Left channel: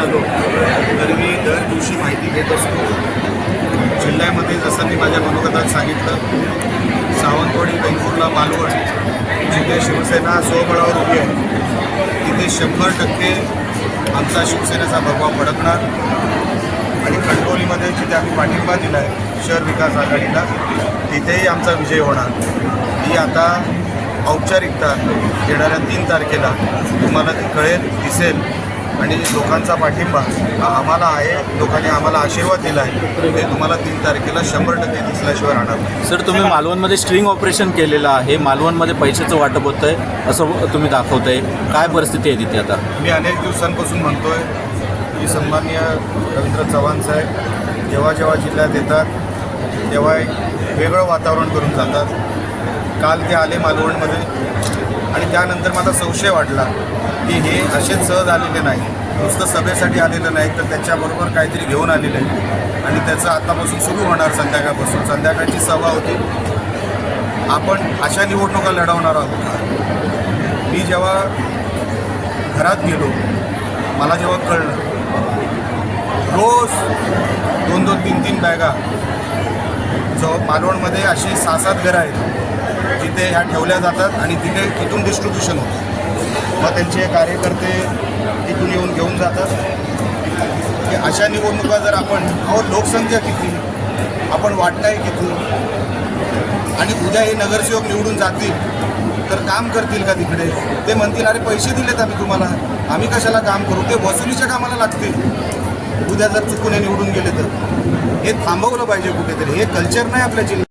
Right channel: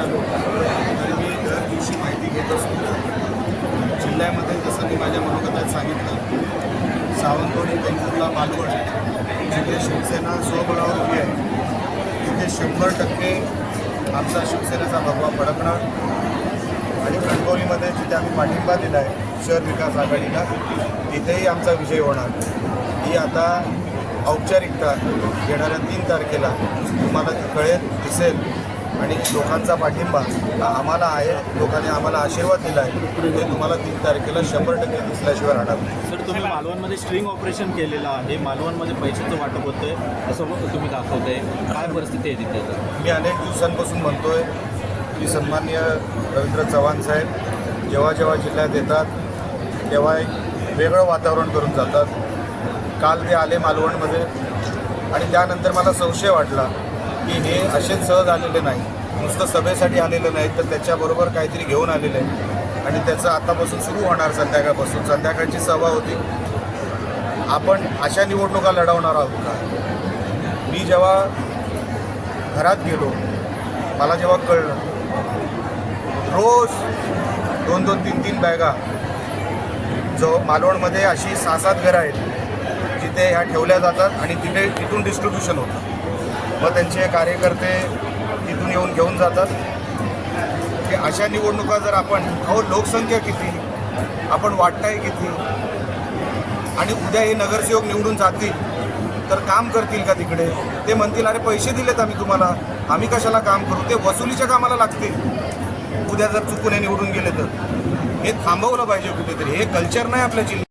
झालो तर मी दर दिवशी माहिती घेत असतो. जिल्ह्यामध्ये जसं मी माझ्या मनोगतात सांगितलं सावंतवाडी वेंगुर्ला मालवण जिथे शिवसेना स्वबळावर उभी आहे तिथे शंभर टक्के आमचा शिवसेनेचा भगवा फडकणार आणि खडकोलीमध्ये जिथे आम्ही पाठिंबा दिला आहे शहर विकास आघाडीला तिथेही आमचा विजय होणार. ही आता औपचारिकता येणाऱ्या तीन तारखेला तुम्हाला ती कळेल दिसेल. आणि लोकांचा पाठिंबा आम्हाला आहे लोकांनी आम्हाला आशीर्वाद दिला आहे. ते तुम्हाला तीन तारखेला शंभर टक्के दिसल्याशिवाय राहणार. सर तुम्ही मालवणमध्ये स्ट्रिंग ऑपरेशन केलेलं आहे. मालवणमध्ये पैशाचं वाटप होतं आहे असं तुम्ही दाखवतंय. काय परिस्थिती आहे तिथे आता? मी अनेक दिवसांपासून म्हणतोय की सन्माननीय रवींद्र चव्हाण साहेब जेव्हा जेव्हा जिल्ह्यात येतात तेव्हा एक वेगळं वातावरण करून जातात. काल ते आले मालवणमध्ये आणि त्यानंतर मला संशय वाटला की हे असे सहज आलेले नाही नुसतं सभेसाठी आलेलं नाही तर त्याच्याबरोबर काहीतरी घेऊन आलेलं आहे आणि त्याचं आतापासून सुरू होणार संध्याकाळपासून. संध्याकाळची सभा होती. आपण अशा निवडणुका लढवणार आहोत का? मी जेव्हा घरात गेलो मला जेव्हा कळलं रोज दोन दोन तीन तीन बॅगा जो मालवणमध्ये अशी सहा सात घरं आहेत जिथे ह्या ठेवल्या जातात आणि तिथे तिथून डिस्ट्रीब्युशन होतं. मग त्यांचे कार्यकर्ते तिथून येऊन घेऊन जातात. की अशा निवडणुका जर आपण अहो लोकसंख्या किती? आपण वाटताय किती? आणि उद्या हे नगरसेवक निवडून जातील तर काम करतील का तिकडे? ते म्हणतील अरे पैसे दिलेत आम्ही तुम्हाला. आम्ही कशाला काम करू? ते वसुलीच्या कामाला लागतील. उद्या जर चुकून हे निवडून गेले तर. हे थांबवलं पाहिजे कुठेतरी. हे कल्चर नाही आपल्या जिल्ह्यात.